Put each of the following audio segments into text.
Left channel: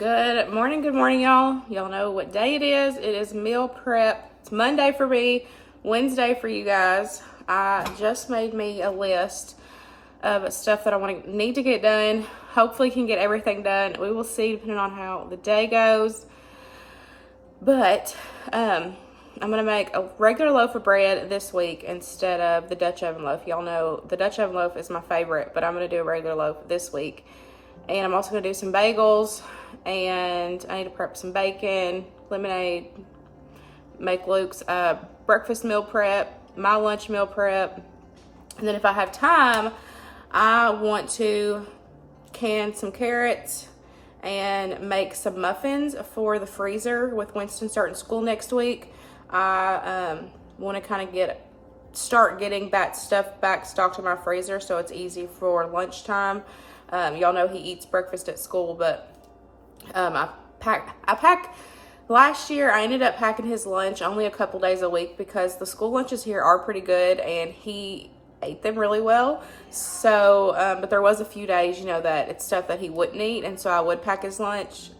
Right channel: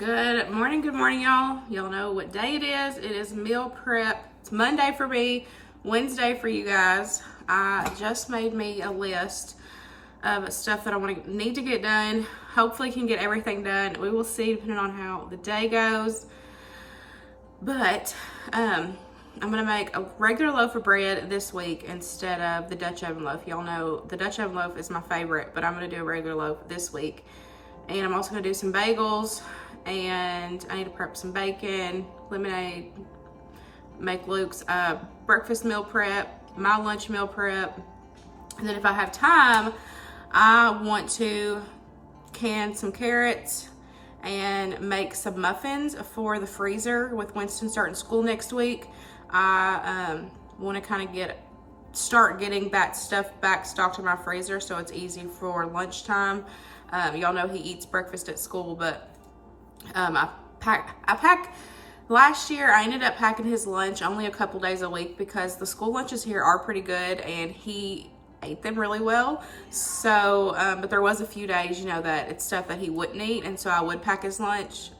Good morning, y'all. Y'all know what day it is. It is meal prep. It's Monday for me, Wednesday for you guys. I just made me a list of stuff that I need to get done. Hopefully can get everything done. We will see depending on how the day goes. But I'm gonna make a regular loaf of bread this week instead of the Dutch oven loaf. Y'all know the Dutch oven loaf is my favorite, but I'm gonna do a regular loaf this week. And I'm also gonna do some bagels, and I need to prep some bacon, lemonade, make Luke's breakfast meal prep, my lunch meal prep. And then if I have time, I want to can some carrots and make some muffins for the freezer with Winston starting school next week. I want to kind of start getting that stuff back stocked in my freezer so it's easy for lunchtime. Y'all know he eats breakfast at school, but I pack. Last year, I ended up packing his lunch only a couple days a week because the school lunches here are pretty good and he ate them really well. So, but there was a few days, that it's stuff that he wouldn't eat, and so I would pack his lunch.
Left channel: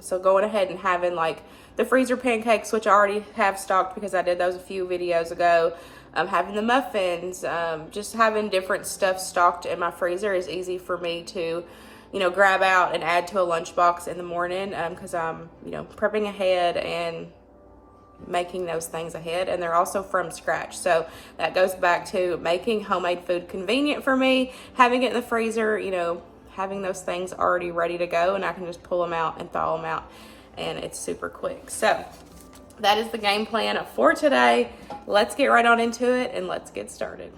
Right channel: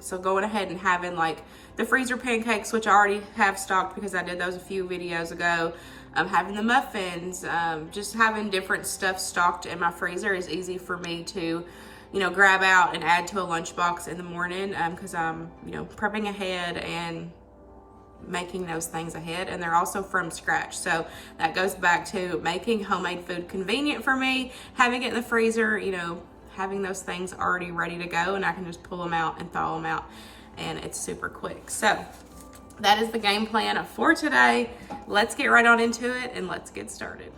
So going ahead and having like the freezer pancakes, which I already have stocked because I did those a few videos ago. Having the muffins, just having different stuff stocked in my freezer is easy for me to, grab out and add to a lunchbox in the morning because I'm, prepping ahead and making those things ahead, and they're also from scratch. So that goes back to making homemade food convenient for me, having it in the freezer, having those things already ready to go, and I can just pull them out and thaw them out, and it's super quick. So that is the game plan for today. Let's get right on into it and let's get started.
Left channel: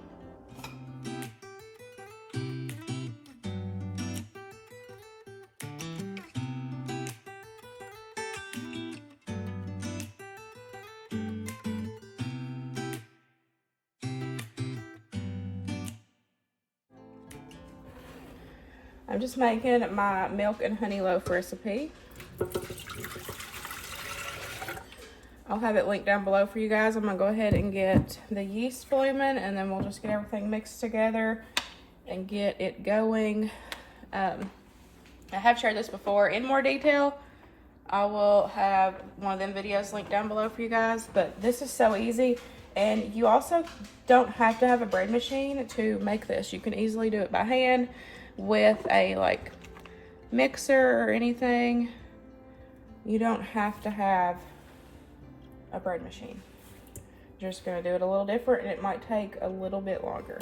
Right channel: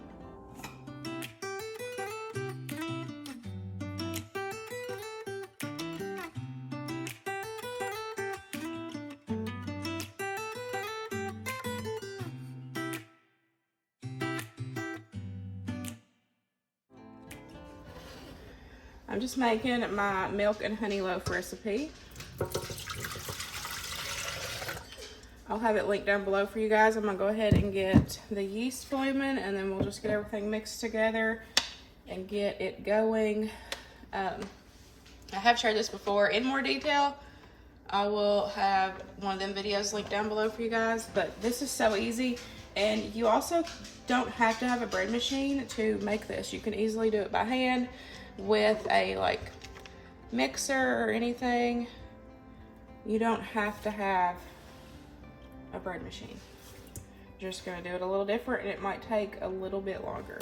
I'm just making my milk and honey loaf recipe. I'll have it linked down below for you guys. I'm gonna go ahead and get the yeast blooming, and then we'll just get everything mixed together and get it going. I have shared this before in more detail. I will have one of them videos linked down below for you guys, but this is so easy. And you also don't have to have a bread machine to make this. You can easily do it by hand with a mixer or anything. You don't have to have a bread machine. You're just gonna do it a little different, and it might take a little bit longer.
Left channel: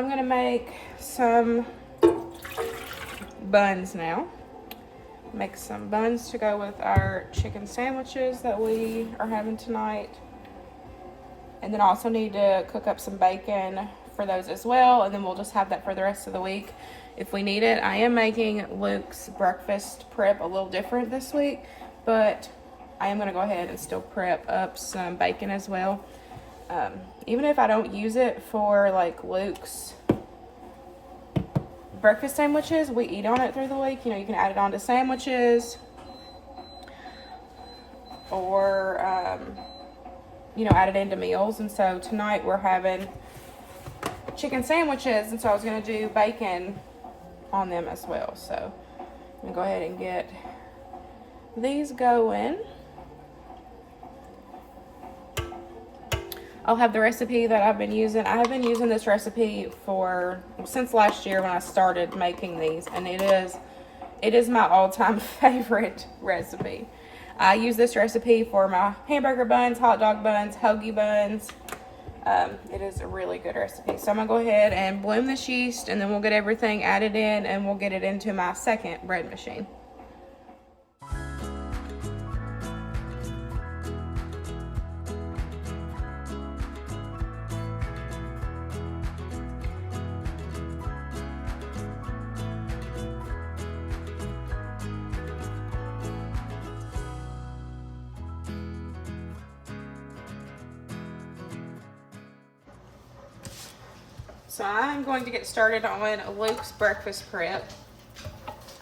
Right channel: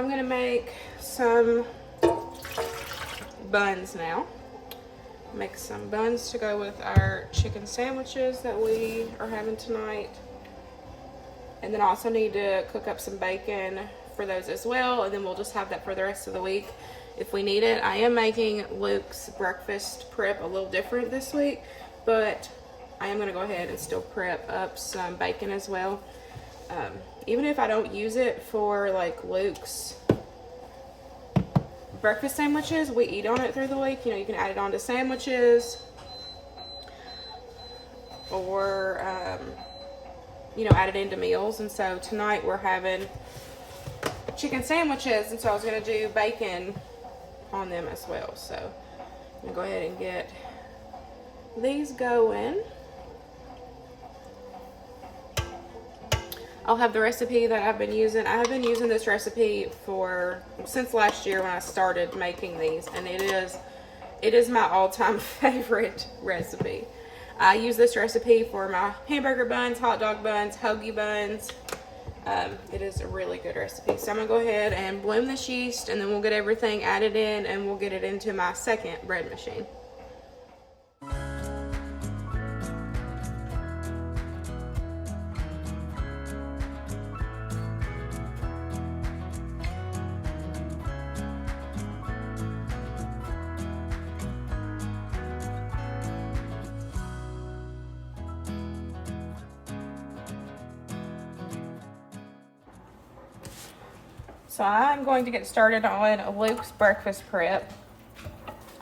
I'm gonna make some buns now. Make some buns to go with our chicken sandwiches that we are having tonight. And then I also need to cook up some bacon for those as well, and then we'll just have that for the rest of the week if we need it. I am making Luke's breakfast prep a little different this week, but I am gonna go ahead and still prep up some bacon as well. Even if I don't use it for like Luke's breakfast sandwiches, we eat on it through the week. You know, you can add it on to sandwiches, or you know, add it into meals. And so tonight we're having chicken sandwiches, and so I was gonna do bacon on them as well. So I'm gonna go ahead and get these going. I'll have the recipe that I've been using. I have been using this recipe since last year when I started making these, and it is my all-time favorite recipe. I use this recipe for my hamburger buns, hot dog buns, hoagie buns. It is a really good recipe. So I'm gonna go ahead and bloom this yeast, and then we'll get everything added in, and we'll get it into my second bread machine. So I'm going to get started on Luke's breakfast prep.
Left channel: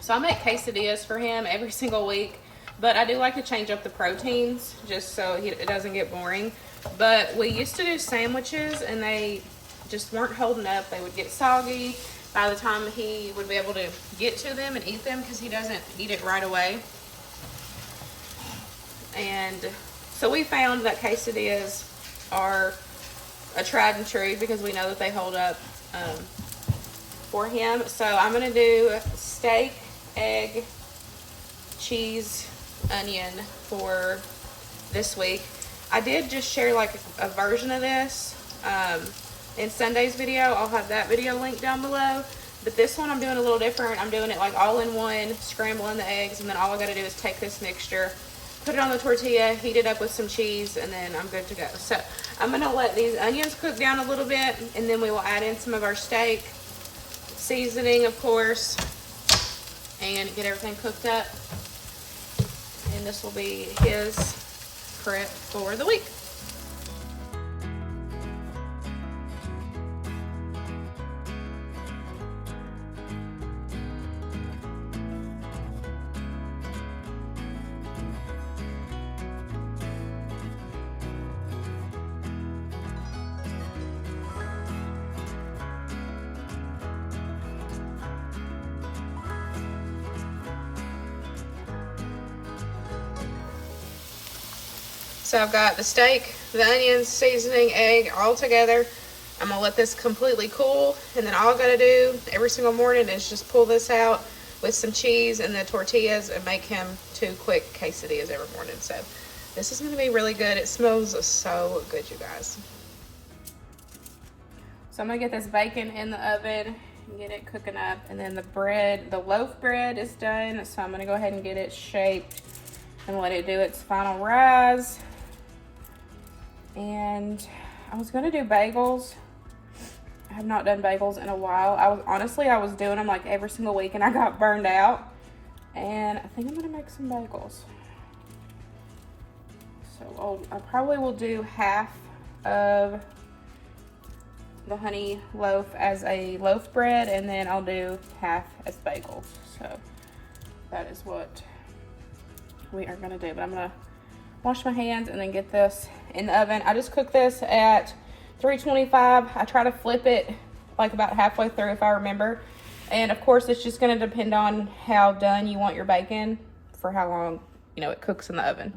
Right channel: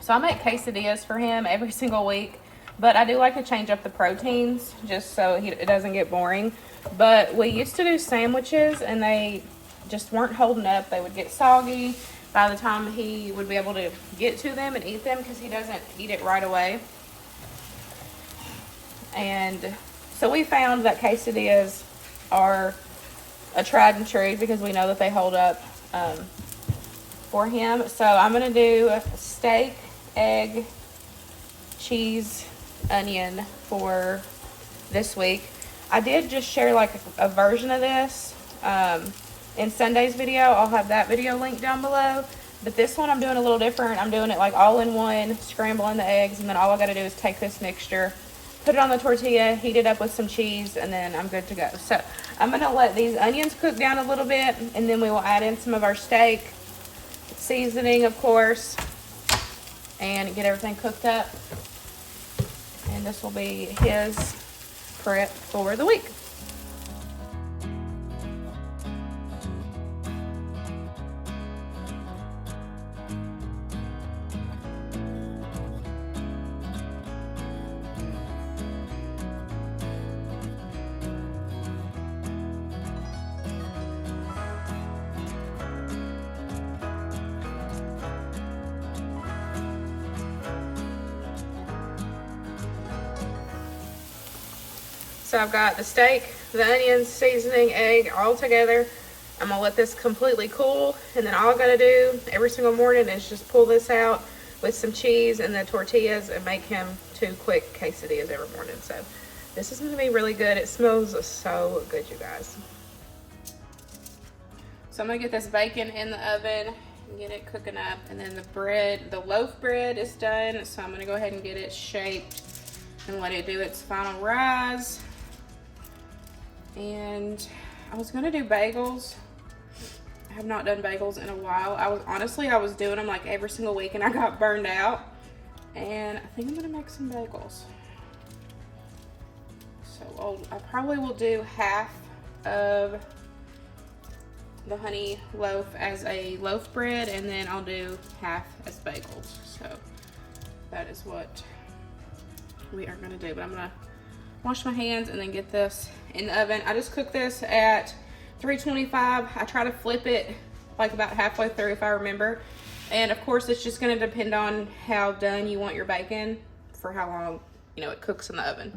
So I make quesadillas for him every single week, but I do like to change up the proteins just so it doesn't get boring. But we used to do sandwiches, and they just weren't holding up. They would get soggy by the time he would be able to get to them and eat them, because he doesn't eat it right away. And so we found that quesadillas are a tried and true, because we know that they hold up for him. So I'm gonna do steak, egg, cheese, onion for this week. I did just share like a version of this in Sunday's video. I'll have that video linked down below. But this one I'm doing a little different. I'm doing it like all in one, scrambling the eggs, and then all I gotta do is take this mixture, put it on the tortilla, heat it up with some cheese, and then I'm good to go. So I'm gonna let these onions cook down a little bit, and then we will add in some of our steak, seasoning of course, and get everything cooked up. And this will be his prep for the week. So I've got the steak, the onions, seasoning, egg, all together. I'm gonna let this completely cool, and then all I gotta do every single morning is just pull this out with some cheese and the tortillas and make him 2 quick quesadillas every morning. So this is gonna be really good. It smells so good, you guys. So I'm gonna get this bacon in the oven and get it cooking up, and then the bread, the loaf bread is done. So I'm gonna go ahead and get it shaped and let it do its final rise. And I was gonna do bagels. I have not done bagels in a while. I was doing them like every single week, and I got burned out. And I think I'm gonna make some bagels. So I probably will do half of the honey loaf as a loaf bread, and then I'll do half as bagels. So that is what we are gonna do. But I'm gonna wash my hands and then get this in the oven. I just cook this at 325. I try to flip it like about halfway through if I remember. And of course it's just gonna depend on how done you want your bacon for how long, you know, it cooks in the oven.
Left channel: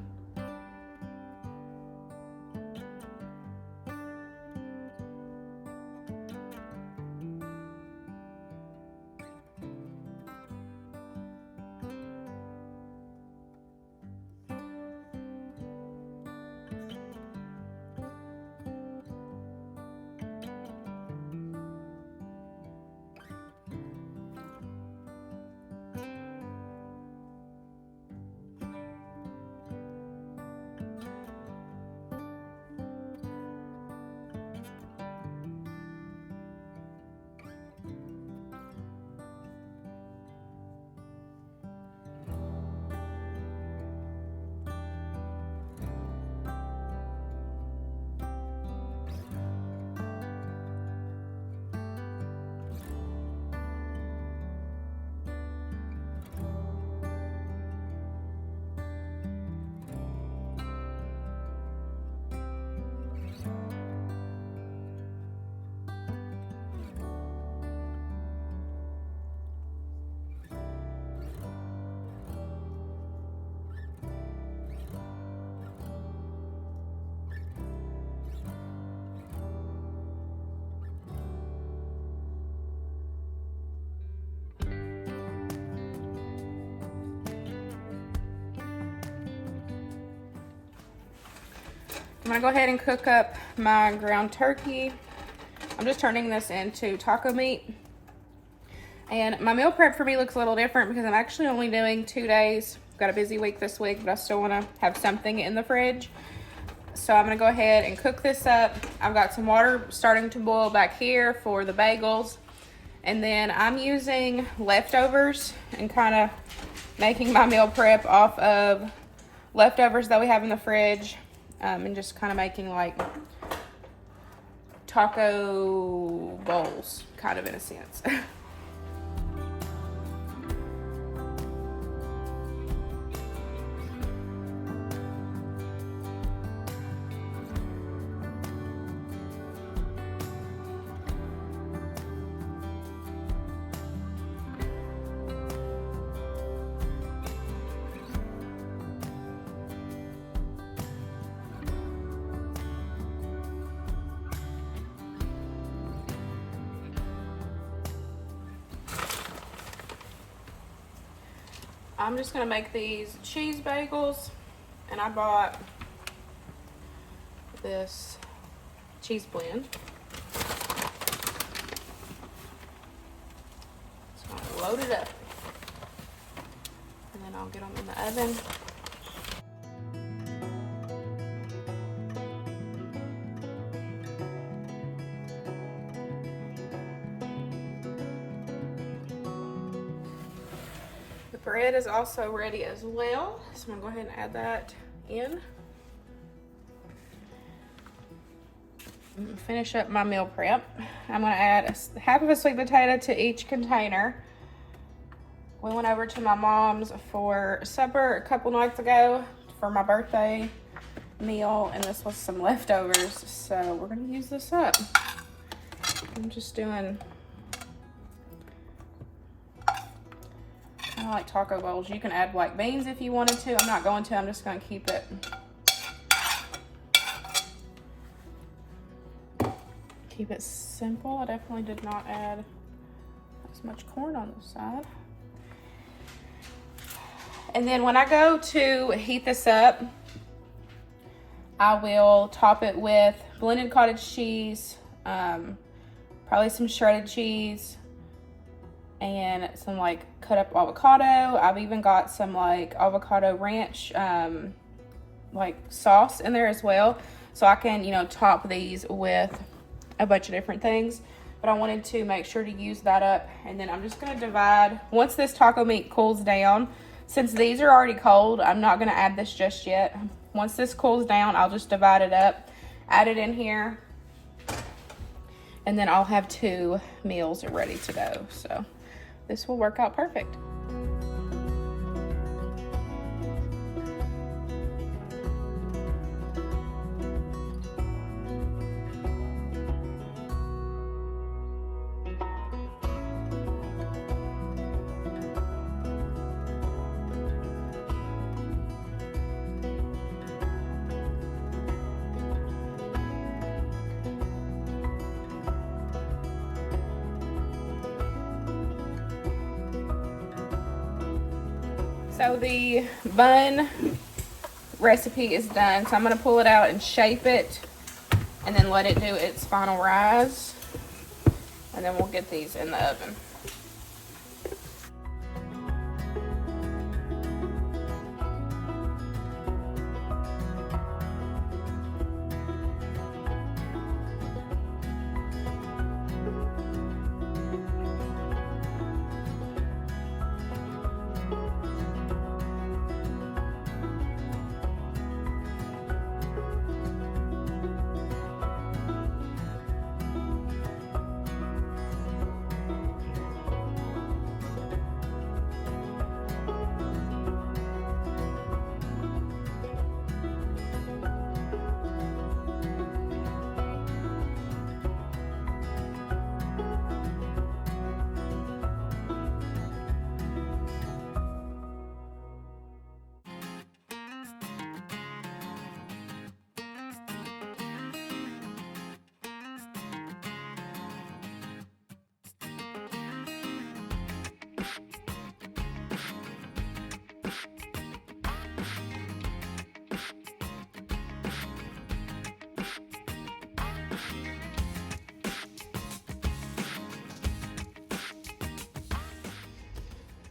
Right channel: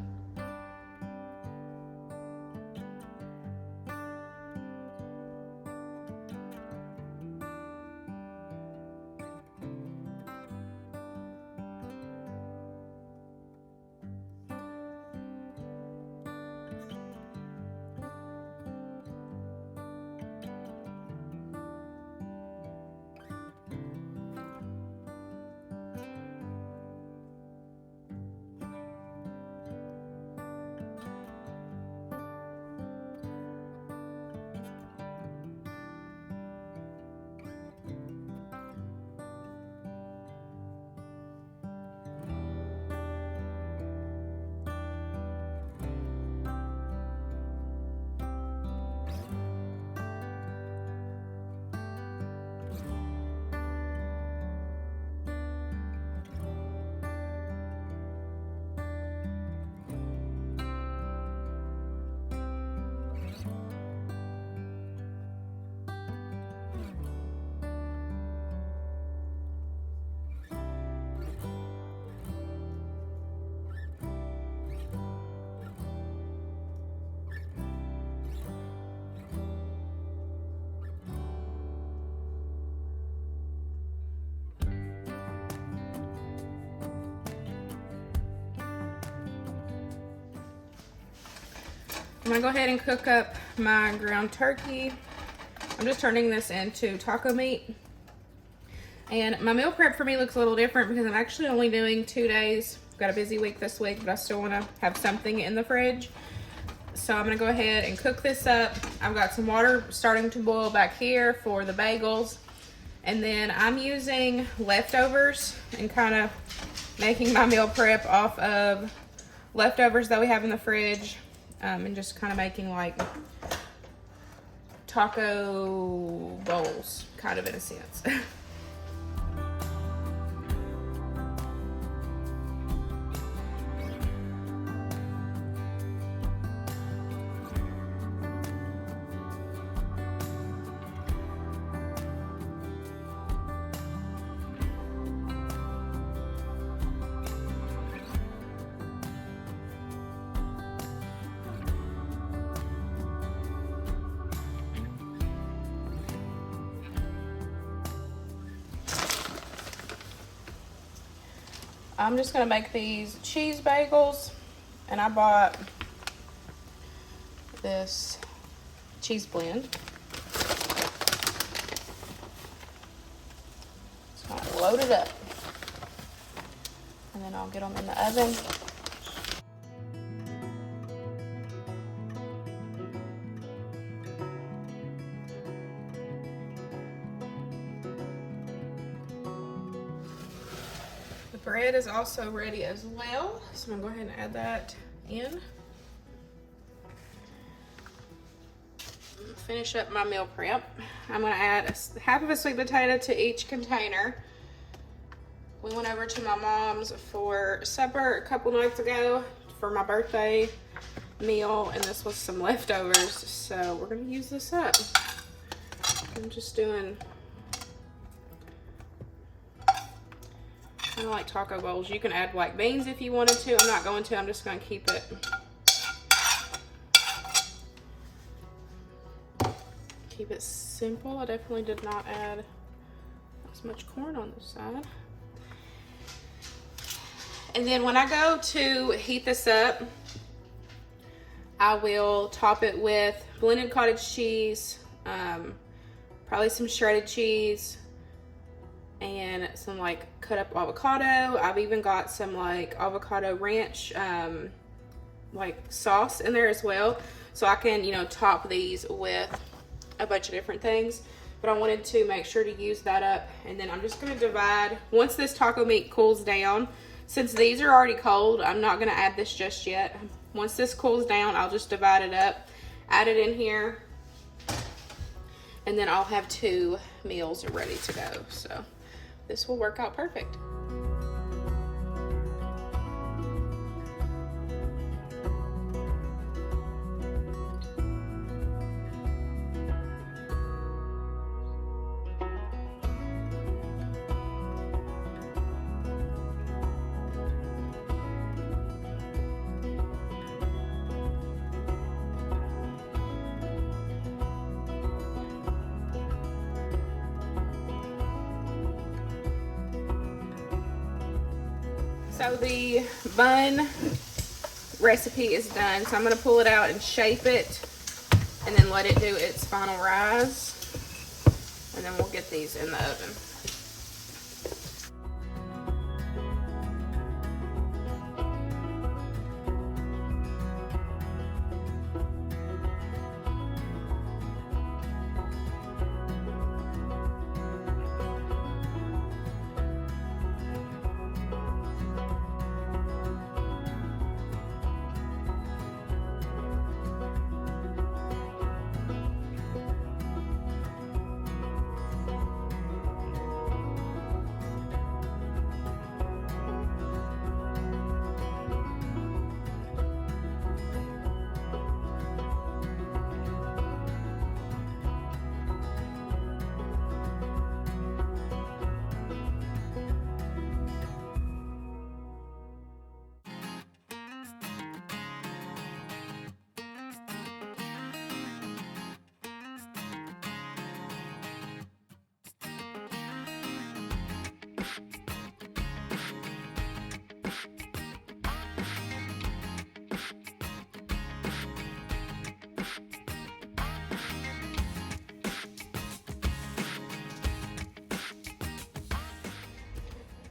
I'm gonna go ahead and cook up my ground turkey. I'm just turning this into taco meat. And my meal prep for me looks a little different because I'm actually only doing 2 days. I've got a busy week this week, but I still wanna have something in the fridge. So I'm gonna go ahead and cook this up. I've got some water starting to boil back here for the bagels. And then I'm using leftovers and kind of making my meal prep off of leftovers that we have in the fridge. And just kind of making like taco bowls, kind of in a sense. I'm just gonna make these cheese bagels, and I bought this cheese blend. Just want to load it up, and then I'll get them in the oven. Bread is also ready as well, so I'm gonna go ahead and add that in. Finish up my meal prep. I'm gonna add half of a sweet potato to each container. We went over to my mom's for supper a couple nights ago for my birthday meal, and this was some leftovers, so we're gonna use this up. I'm just doing I like taco bowls. You can add white beans if you wanted to. I'm not going to. I'm just going to keep it simple. I definitely did not add as much corn on this side. And then when I go to heat this up, I will top it with blended cottage cheese, probably some shredded cheese, and some like cut up avocado. I've even got some like avocado ranch like sauce in there as well, so I can, you know, top these with a bunch of different things. But I wanted to make sure to use that up. And then I'm just gonna divide, once this taco meat cools down, since these are already cold, I'm not gonna add this just yet. Once this cools down, I'll just divide it up, add it in here, and then I'll have 2 meals ready to go. So this will work out perfect. So the bun recipe is done, so I'm going to pull it out and shape it and then let it do its final rise, and then we'll get these in the oven.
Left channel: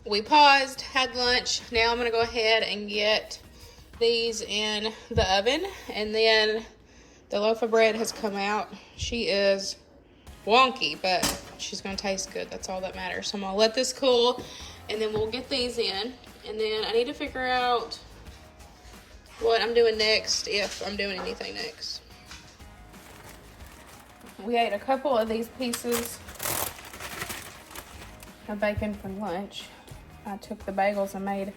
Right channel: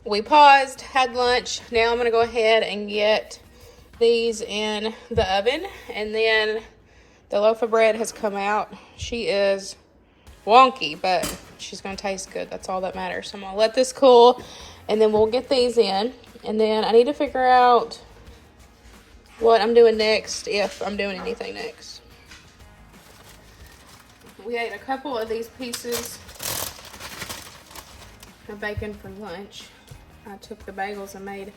We paused, had lunch. Now I'm gonna go ahead and get these in the oven. And then the loaf of bread has come out. She is wonky, but she's gonna taste good. That's all that matters. So I'm gonna let this cool and then we'll get these in. And then I need to figure out what I'm doing next, if I'm doing anything next. We ate a couple of these pieces of bacon for lunch. I took the bagels and made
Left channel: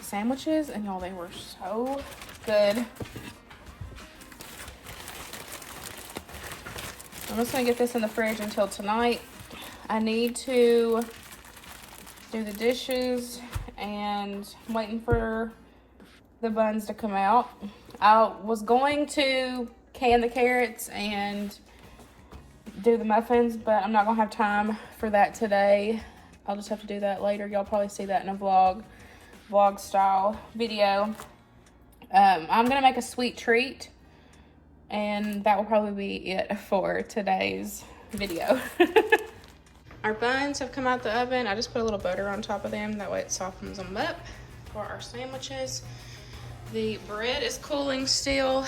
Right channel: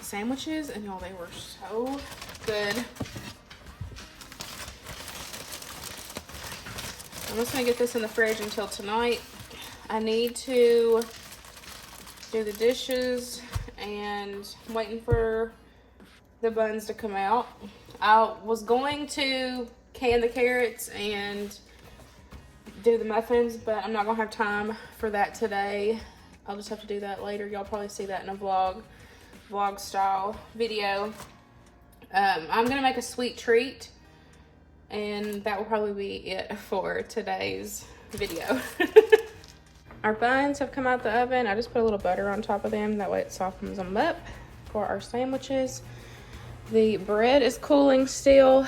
sandwiches, and oh, they were so good. I'm just gonna get this in the fridge until tonight. I need to do the dishes, and I'm waiting for the buns to come out. I was going to can the carrots and do the muffins, but I'm not gonna have time for that today. I'll just have to do that later. Y'all probably see that in a vlog style video. I'm gonna make a sweet treat, and that will probably be it for today's video. Our buns have come out the oven. I just put a little butter on top of them. That way it softens them up for our sandwiches. The bread is cooling still.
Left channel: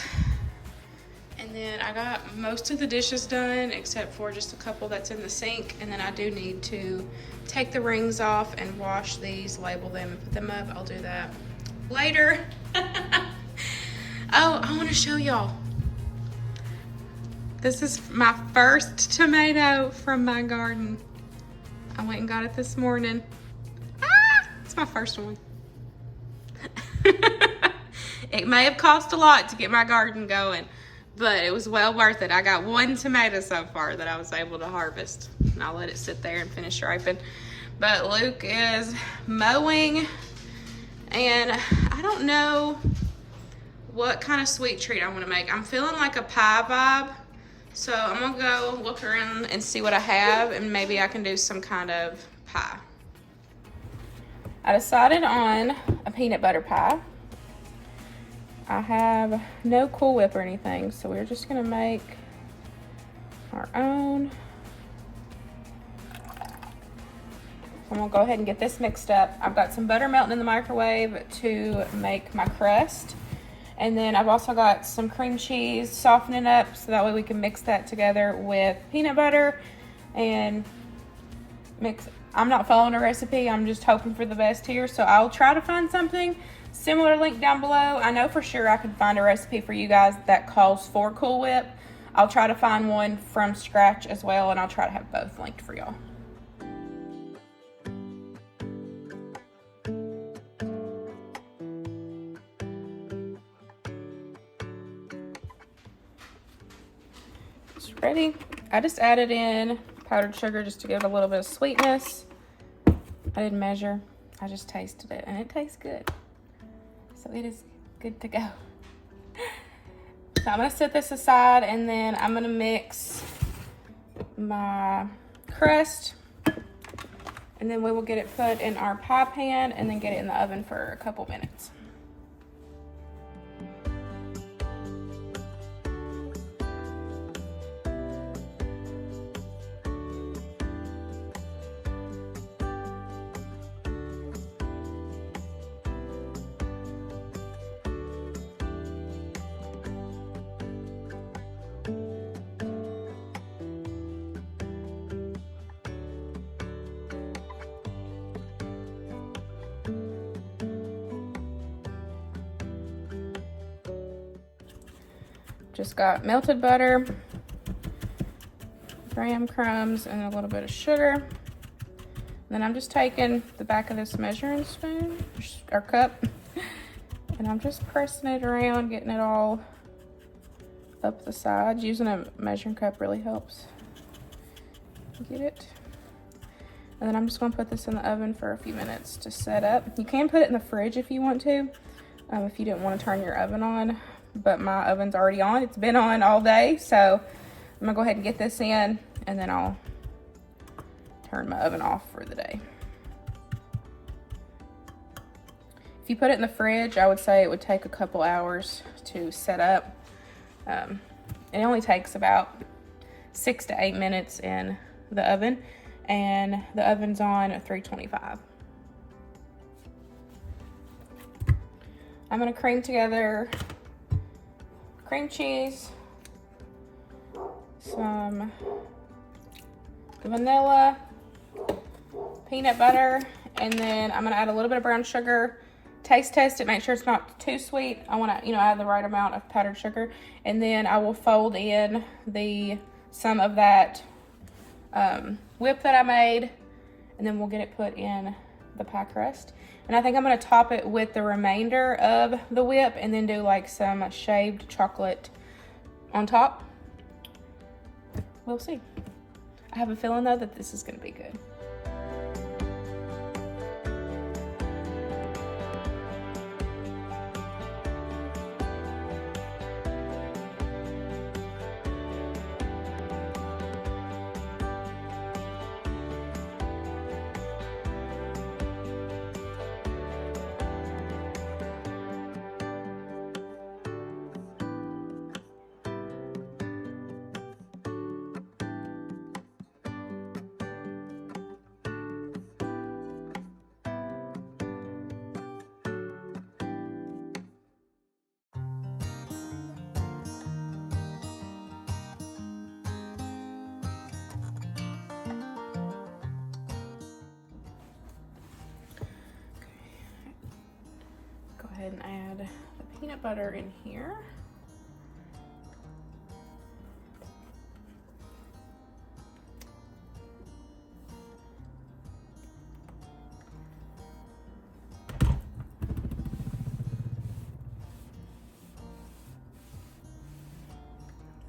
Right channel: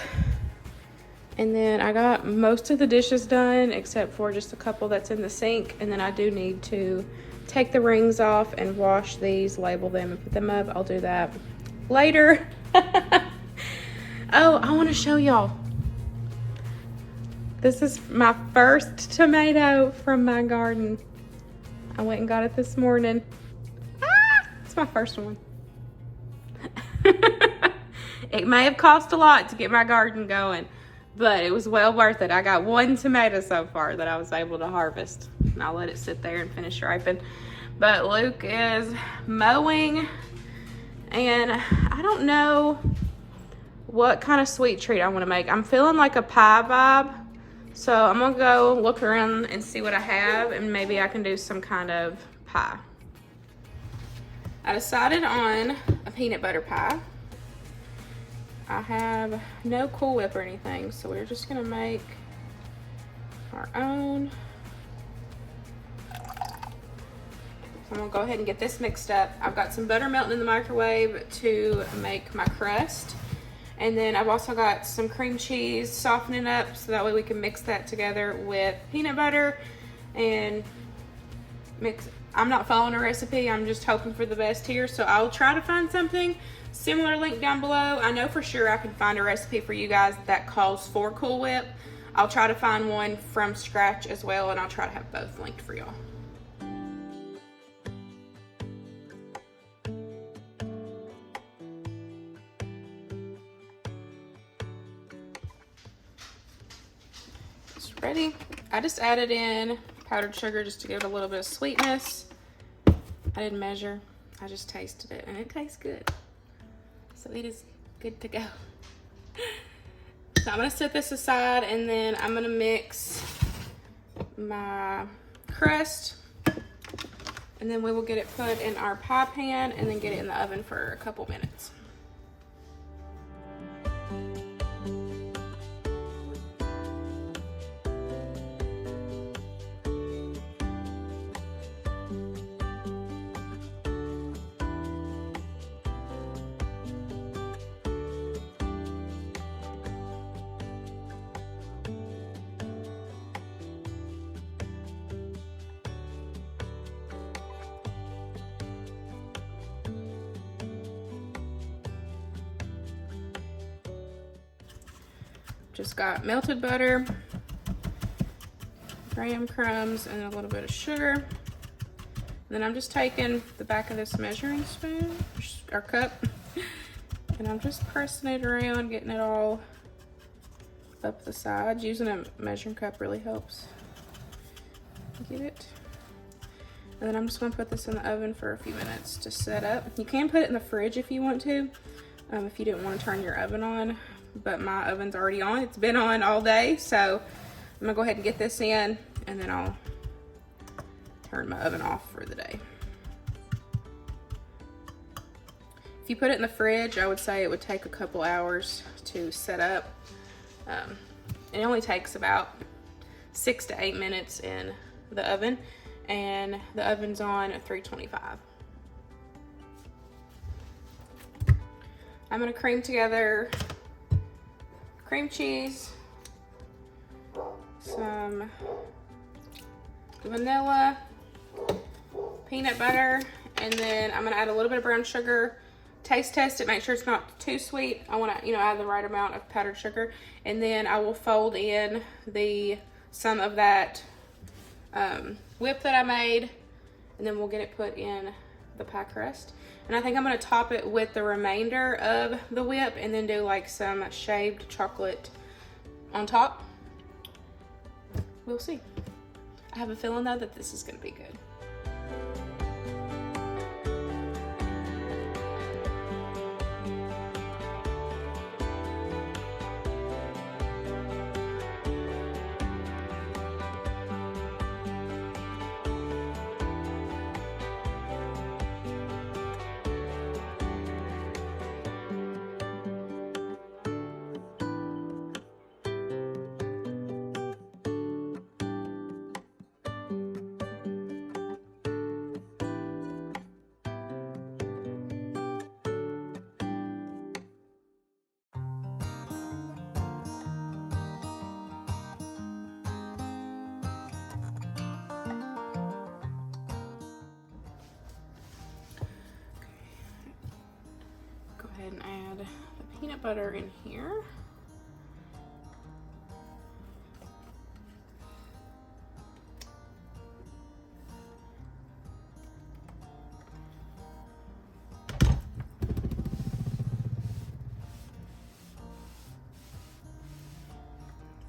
And then I got most of the dishes done except for just a couple that's in the sink. And then I do need to take the rings off and wash these, label them, and put them up. I'll do that later. Oh, I want to show y'all. This is my first tomato from my garden. I went and got it this morning. Ah, it's my first one. It may have cost a lot to get my garden going, but it was well worth it. I got one tomato so far that I was able to harvest, and I'll let it sit there and finish ripening. But Luke is mowing, and I don't know what kind of sweet treat I want to make. I'm feeling like a pie vibe, so I'm gonna go look around and see what I have, and maybe I can do some kind of pie. I decided on a peanut butter pie. I have no Cool Whip or anything, so we're just gonna make our own. So I'm gonna go ahead and get this mixed up. I've got some butter melting in the microwave to make my crust. And then I've also got some cream cheese softening up, so that way we can mix that together with peanut butter and mix. I'm not following a recipe, I'm just hoping for the best here, so I'll try to find something similar, link down below. I know for sure I can find a recipe for you guys that calls for Cool Whip. I'll try to find one from scratch as well, and I'll try to have both linked for y'all. It's ready. I just added in powdered sugar just to give it a little bit of sweetness. I didn't measure, I just tasted it, and it tastes good. So it is good to go. So I'm gonna set this aside, and then I'm gonna mix my crust, and then we will get it put in our pie pan and then get it in the oven for a couple minutes. Just got melted butter, graham crumbs, and a little bit of sugar. Then I'm just taking the back of this measuring spoon, or cup, and I'm just pressing it around, getting it all up the sides. Using a measuring cup really helps get it. And then I'm just gonna put this in the oven for a few minutes to set up. You can put it in the fridge if you want to, if you didn't want to turn your oven on. But my oven's already on. It's been on all day, so I'm gonna go ahead and get this in, and then I'll turn my oven off for the day. If you put it in the fridge, I would say it would take a couple hours to set up. It only takes about 6 to 8 minutes in the oven, and the oven's on at 325. I'm gonna cream together cream cheese, some vanilla, peanut butter, and then I'm gonna add a little bit of brown sugar. Taste test it, make sure it's not too sweet. I wanna, add the right amount of powdered sugar. And then I will fold in some of that whip that I made, and then we'll get it put in the pie crust. And I think I'm gonna top it with the remainder of the whip and then do like some shaved chocolate on top. We'll see. I have a feeling though that this is gonna be good. Go ahead and add the peanut butter in here.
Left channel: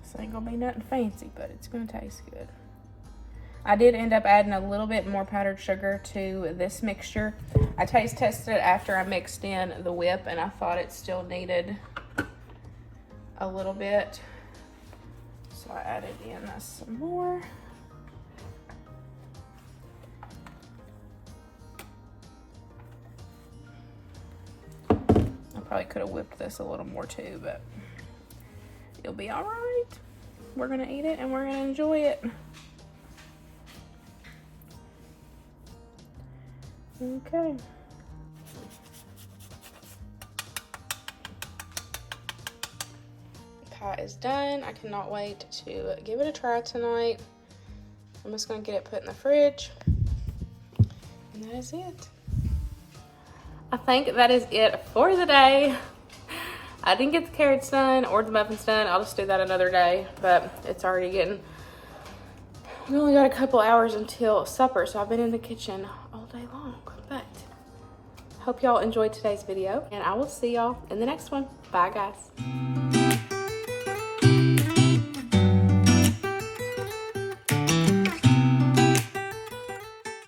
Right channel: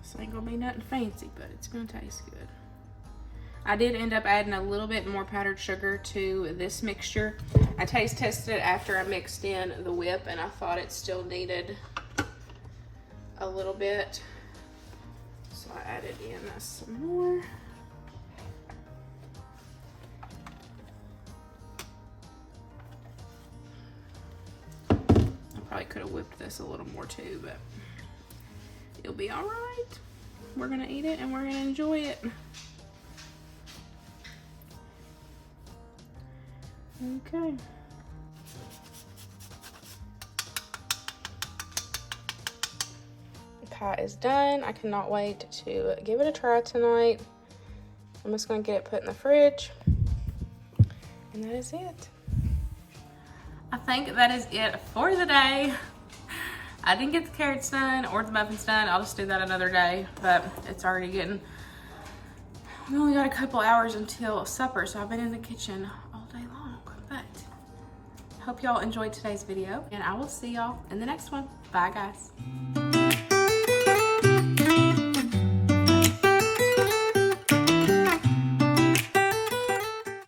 This ain't gonna be nothing fancy, but it's gonna taste good. I did end up adding a little bit more powdered sugar to this mixture. I taste tested it after I mixed in the whip, and I thought it still needed a little bit. So I added in some more. I probably could have whipped this a little more too, but it'll be all right. We're gonna eat it and we're gonna enjoy it. Okay. The pie is done. I cannot wait to give it a try tonight. I'm just gonna get it put in the fridge. And that is it. I think that is it for the day. I didn't get the carrots done or the muffins done. I'll just do that another day, but it's already getting, we only got a couple hours until supper, so I've been in the kitchen all day long. But hope y'all enjoyed today's video, and I will see y'all in the next one. Bye, guys.